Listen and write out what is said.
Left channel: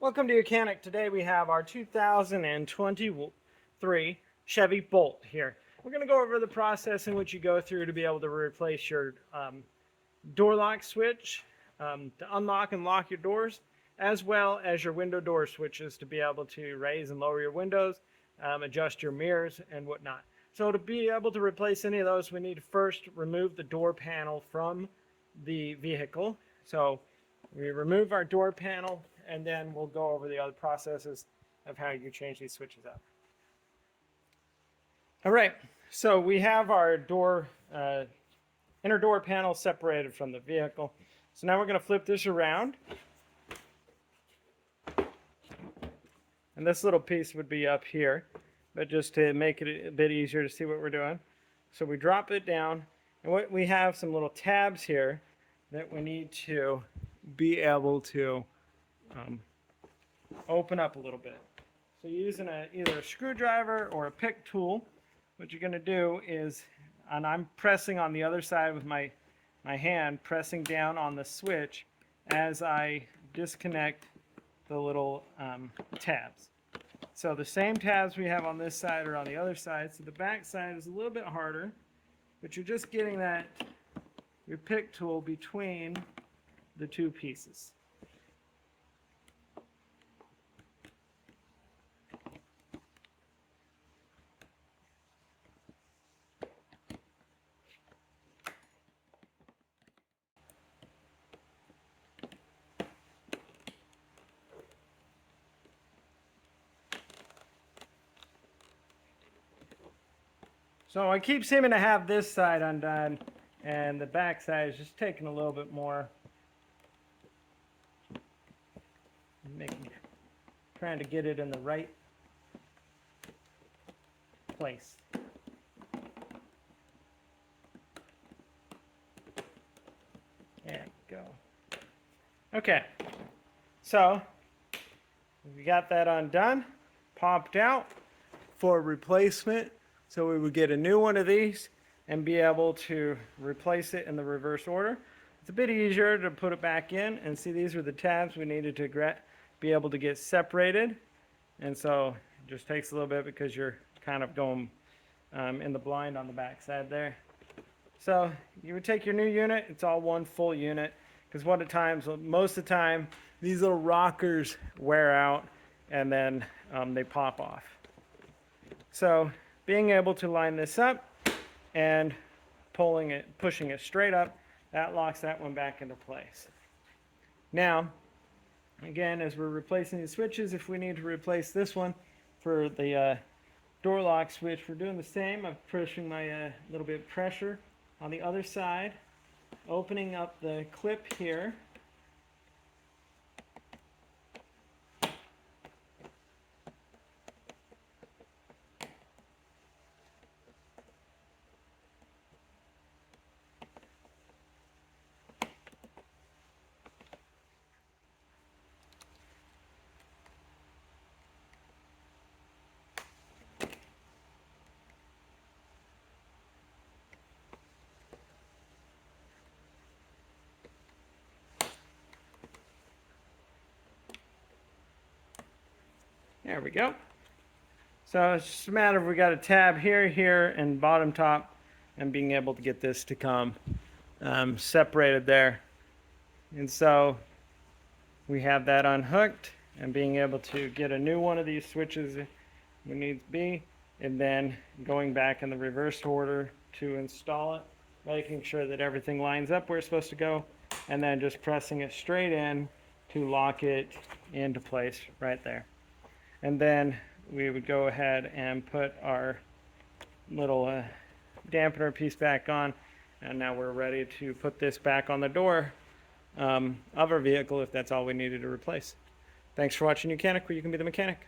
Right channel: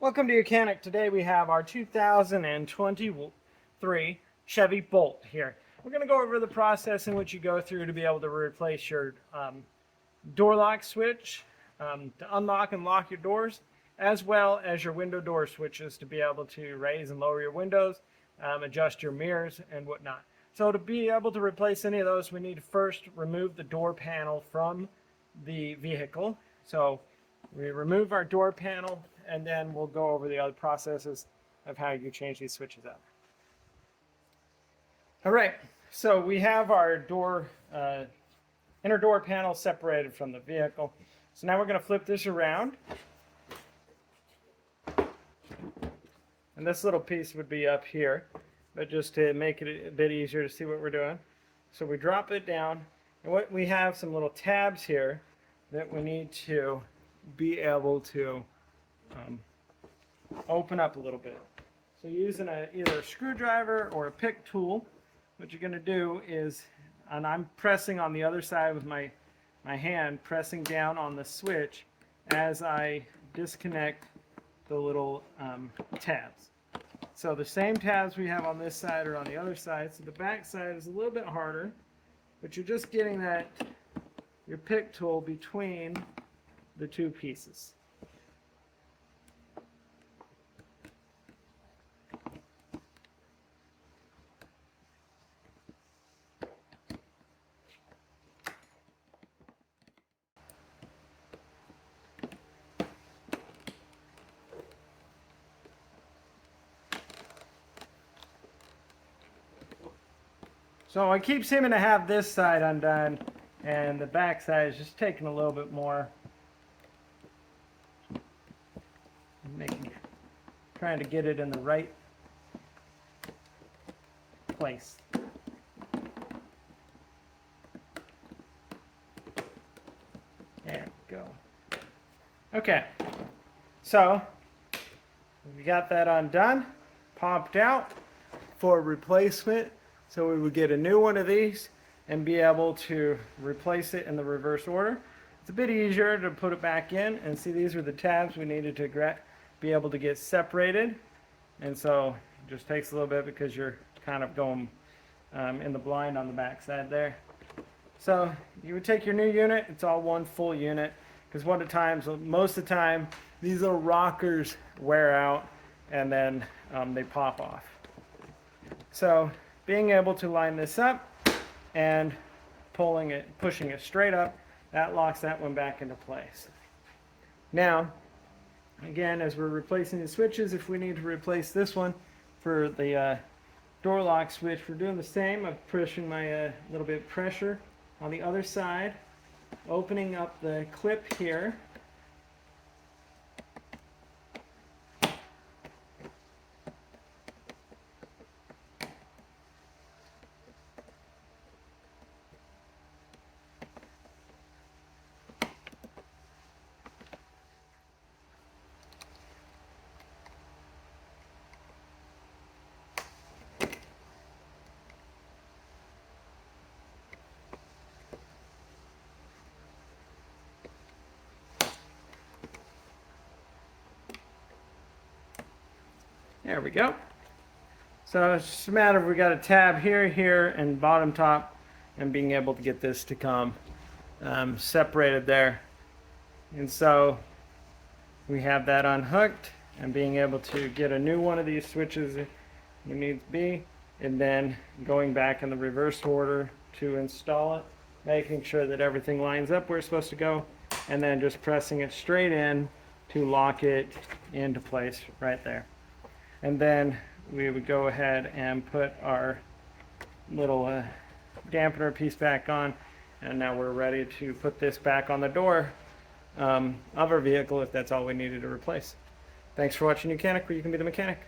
Welcome to Mechanic. Today we have our 2023 Chevy Bolt here. We're going to go over the process in which you go through to be able to replace your door lock switch to unlock and lock your doors, as well as your window door switches to be able to raise and lower your windows, adjust your mirrors and whatnot. So to be able to replace any of those, we need to first remove the door panel from the vehicle. So we remove our door panel, and then we'll go over the other processes of how you change these switches out. All right, so we have our inner door panel separated from the vehicle. So now we're going to flip this around. And this little piece would be up here, but just to make it a bit easier to see what we're doing. So we drop it down, and what we have some little tabs here that we need to be able to open up a little bit. So using either a screwdriver or a pick tool, what you're going to do is, and I'm pressing on the other side with my hand, pressing down on the switch as I disconnect the little tabs. So the same tabs we have on this side are on the other side. So the back side is a little bit harder, but you're just getting your pick tool between the two pieces. So I keep seeming to have this side undone, and the back side is just taking a little bit more. Trying to get it in the right place. There we go. Okay, so we got that undone, popped out for replacement. So we would get a new one of these and be able to replace it in the reverse order. It's a bit easier to put it back in, and see, these are the tabs we needed to be able to get separated. And so it just takes a little bit because you're kind of going in the blind on the back side there. So you would take your new unit, it's all one full unit, because most of the time these little rockers wear out and then they pop off. So being able to line this up and pushing it straight up, that locks that one back into place. Now, again, as we're replacing the switches, if we need to replace this one for the door lock switch, we're doing the same. I'm pushing my little bit of pressure on the other side, opening up the clip here. There we go. So it's just a matter of we got a tab here, and bottom top, and being able to get this to come separated there. And so we have that unhooked, and being able to get a new one of these switches if we need to be, and then going back in the reverse order to install it, making sure that everything lines up where it's supposed to go, and then just pressing it straight in to lock it into place right there. And then we would go ahead and put our little dampener piece back on, and now we're ready to put this back on the door of our vehicle if that's all we needed to replace. Thanks for watching Mechanic, where you can be the mechanic.